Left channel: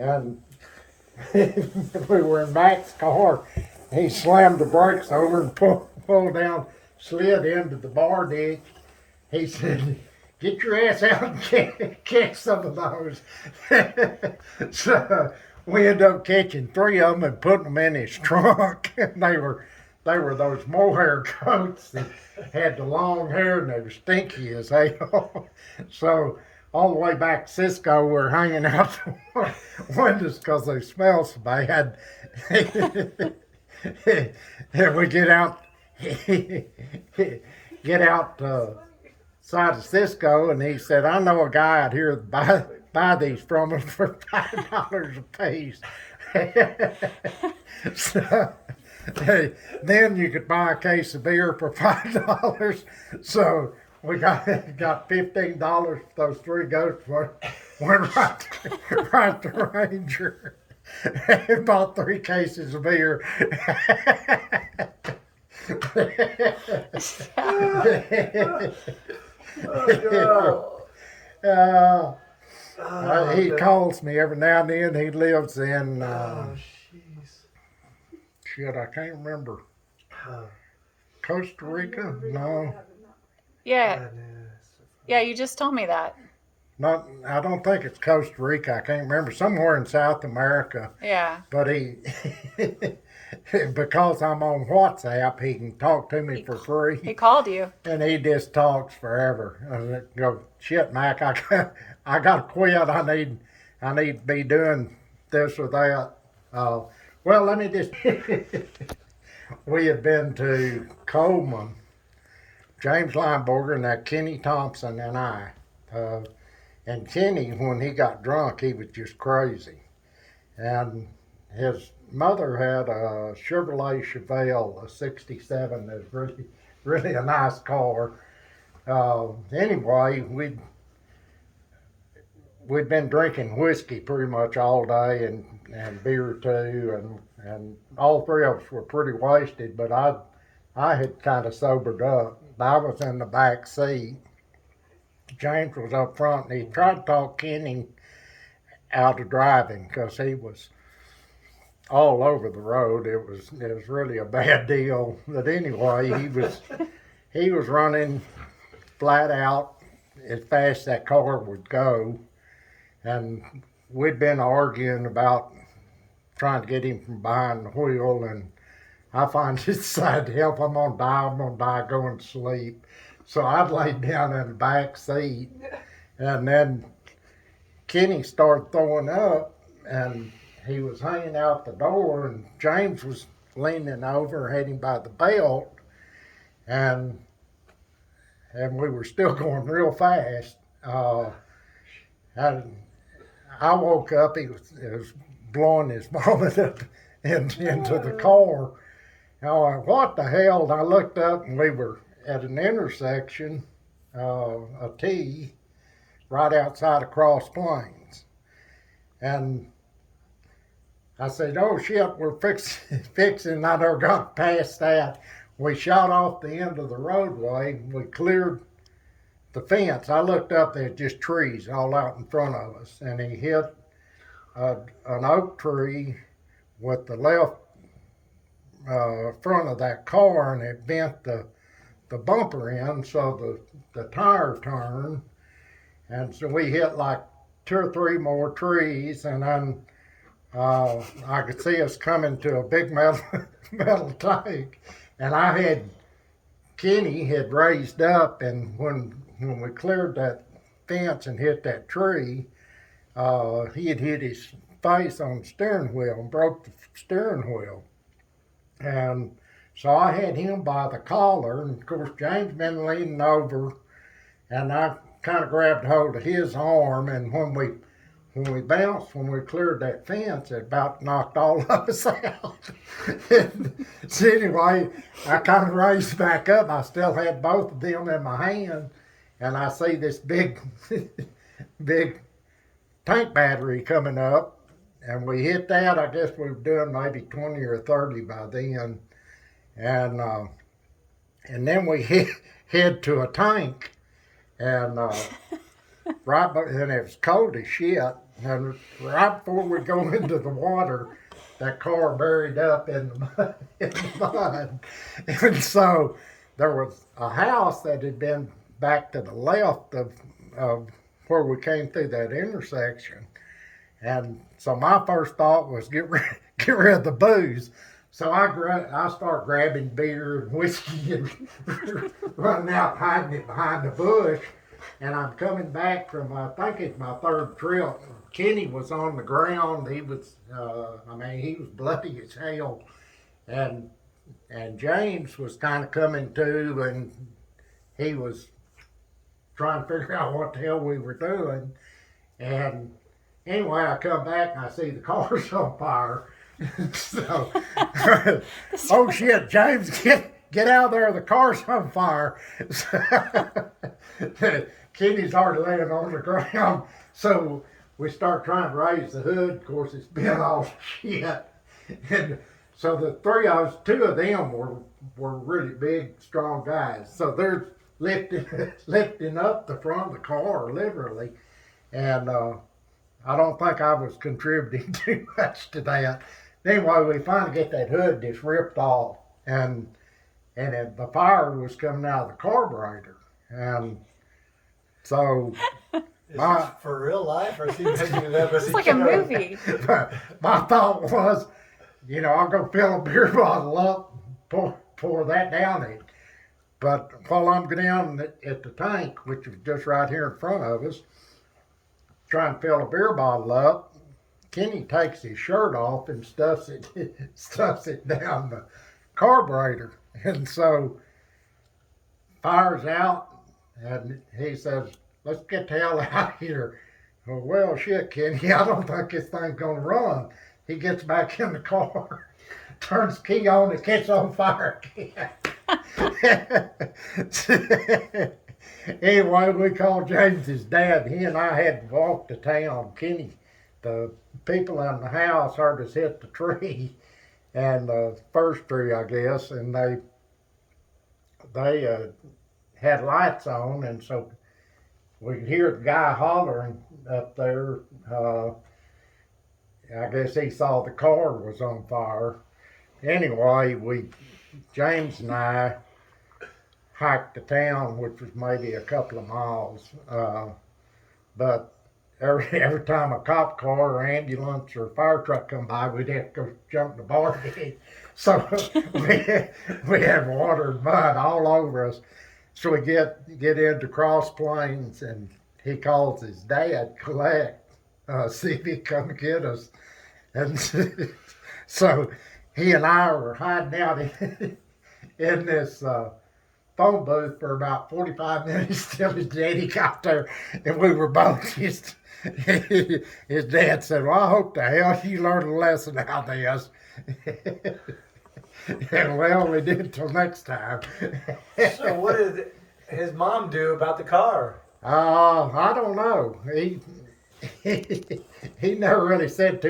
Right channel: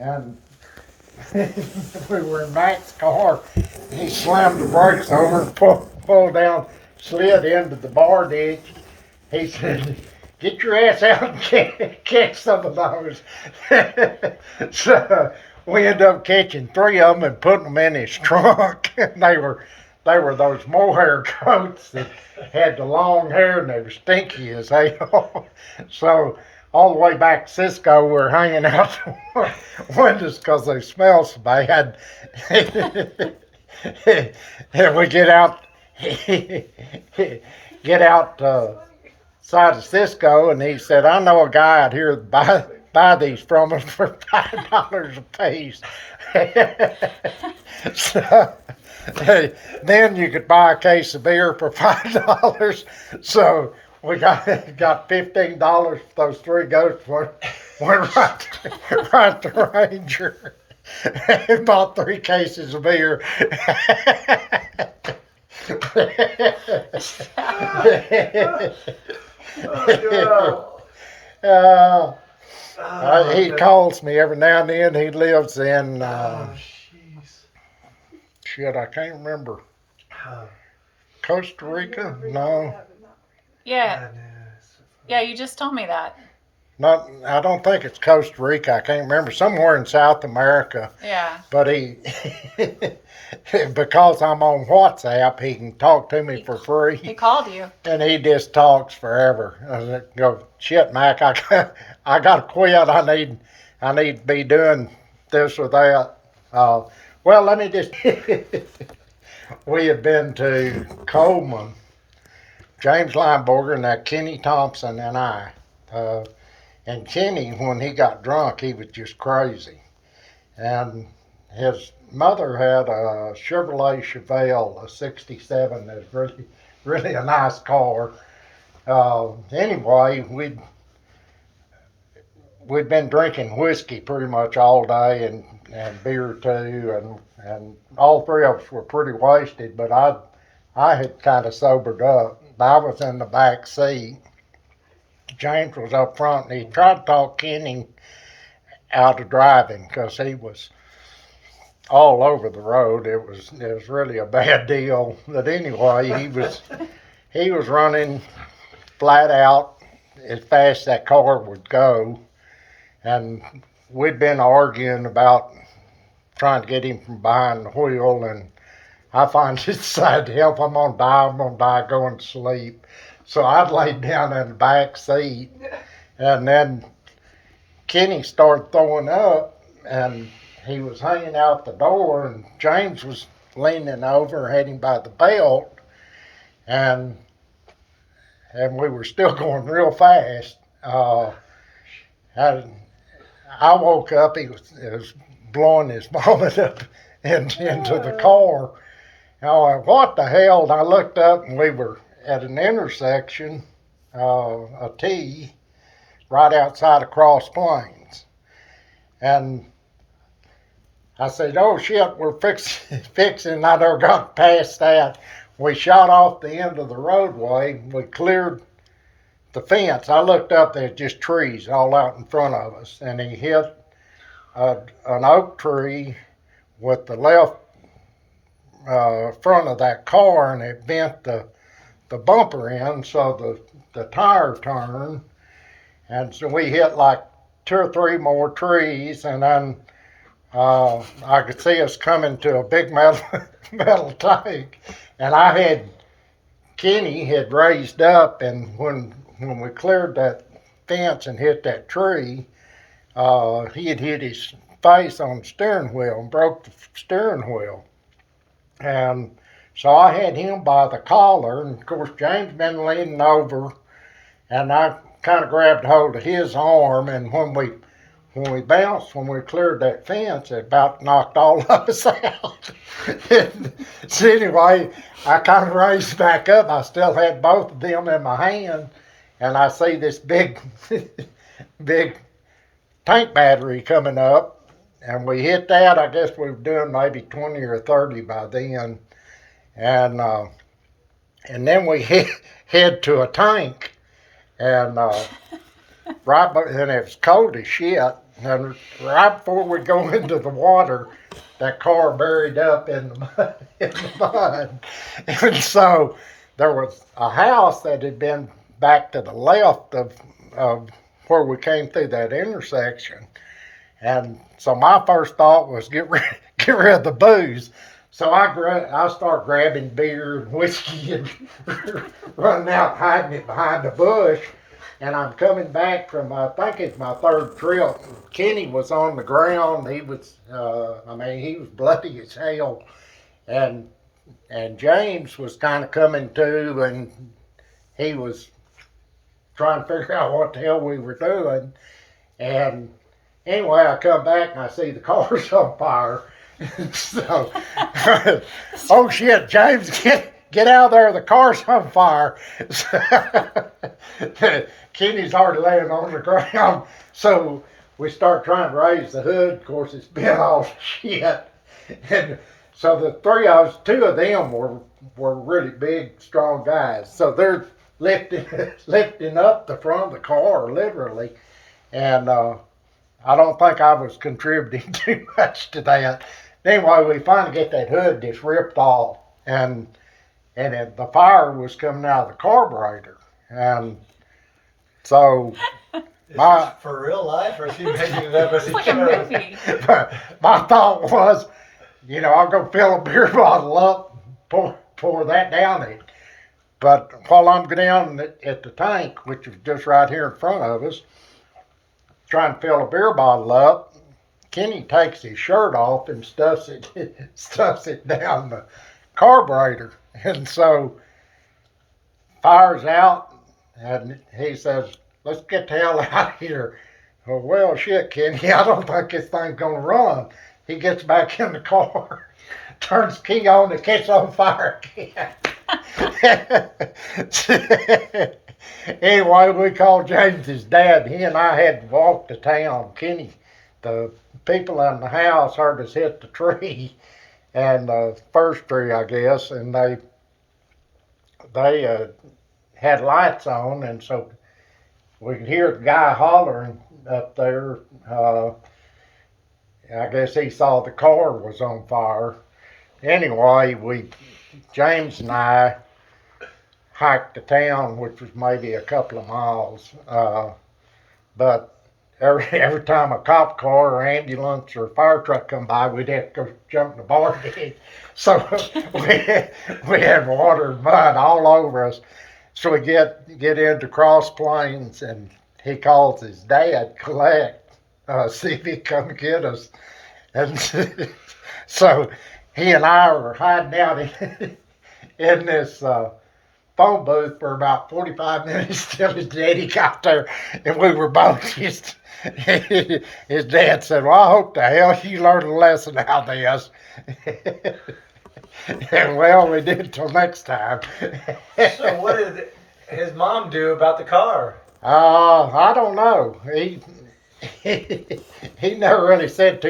and we were in Mac's car. He slammed the brakes over and pulled down, slid into the bar ditch. He said, "Get your ass out and catch some of those." So we ended up catching 3 of them and putting them in his trunk. And they were those mohair coats that had the long hair and they were stinky as hell. So all the way back to Cisco, we're hanging out the windows because they smell so bad. And we get out, side of Cisco, and he said, "I know a guy out here that buy these from us for $5 a piece." So, then you could buy a case of beer for $5. So we got $15 for those 3 goats. Went right to Ranger and bought 3 cases of beer. He calls me every now and then. He lives in shit, I can't remember. Costa Rica? No. Yeah. Yeah, you just told me that. Not, I don't think it's Costa Rica. I can't remember. Somewhere in South America. Yeah. But he, because I'm on WhatsApp, he can talk to me for free. He called you. And he just talks forever. I go, "Shit, Mac, I got to quit. I need to be doing this or that." Well, let me just. We had been to Coleman, James Lineberger, and that Kenny Thompson and I. And Kenny, when he got drunk, he was just crazy. And his mother had a Chevrolet Chevelle, a '67. That was really a nice car. Anyway, we'd been drinking whiskey pretty much all day and beer too, and all 3 of us were pretty wasted, but I had kind of sobered up. I was in the back seat. James was up front, and he tried to talk Kenny out of driving because he was all over the road. It was really a bad deal. But anyway, he was running flat out as fast as that car would go, and we'd been arguing about trying to get him from behind the wheel, and I finally decided to help. I'm gonna die going to sleep. So I laid down in the back seat, and then Kenny started throwing up, and he was hanging out the door, and James was leaning over, had him by the belt, and we were still going real fast. I woke up, he was blowing his vomit up into the car. And I went, "What the hell?" And I looked up, and we were at an intersection, a T, right outside of Cross Plains. And I said, "Oh shit, we're fixing." I never got past that. We shot off the end of the roadway. We cleared the fence. I looked up, there's just trees all out in front of us. And he hit an oak tree with the left front of that car, and it bent the bumper in, so the tire turned. And so we hit like 2 or 3 more trees, and then I could see us coming to a big metal tank. And Kenny had raised up, and when we cleared that fence and hit that tree, he had hit his face on the steering wheel and broke the steering wheel. And so I had him by the collar, and of course James been leaning over, and I kind of grabbed hold of his arm, and when we bounced, when we cleared that fence, it about knocked all of us out. So anyway, I kind of raised back up. I still had both of them in my hand, and I see this big tank battery coming up, and we hit that. I guess we were doing maybe 20 or 30 by then, and then we head to a tank, and and it was cold as shit. And right before we go into the water, that car buried up in the mud. In the mud. And so there was a house that had been back to the left of where we came through that intersection. And so my first thought was get rid of the booze. So I start grabbing beer and whiskey and running out, hiding it behind the bush. And I'm coming back from, I think it's my third trip. Kenny was on the ground. He was, he was bloody as hell. And James was kind of coming to, and he was trying to figure out what the hell we were doing. And anyway, I come back and I see the car's on fire. So, oh shit, James, get out of there, the car's on fire. Kenny's already laying on the ground. So we start trying to raise the hood. Of course, it's been all shit. And so the three of us, two of them were really big, strong guys. So they're lifting up the front of the car, literally. And I don't think I was contributing too much to that. Anyway, we finally get that hood just ripped off, and the fire was coming out of the carburetor, and so Is this for real life, or is he making it up as he It's like a goes? movie. my thought was, I'll go fill a beer bottle up, pour that down it. But while I'm down at the tank, which is just right here in front of us, trying to fill a beer bottle up, Kenny takes his shirt off and stuffs it down the carburetor. And so fire's out, and he says, let's get the hell out of here. Well, shit, Kenny, I don't think this thing's gonna run. He gets back in the car, turns the key on, it gets on fire again. Anyway, we called James's dad. He and I had to walk to town. Kenny, the people in the house heard us hit the tree, and the first tree, I guess, and they had lights on, and so we could hear the guy hollering up there. I guess he saw the car was on fire. Anyway, James and I hiked to town, which was maybe a couple of miles. But every time a cop car or ambulance or fire truck come by, we'd have to go jump in the bar gate. So we had water and mud all over us. So we get into Cross Plains, and he calls his dad, collect, see if he come get us. And so he and I were hiding out in this phone booth for about 45 minutes till his daddy got there, and we were both just. His dad said, "Well, I hope the hell you learned a lesson out of this." And well, we did till next time. So what did his mom do about the car? I don't know. He never really said too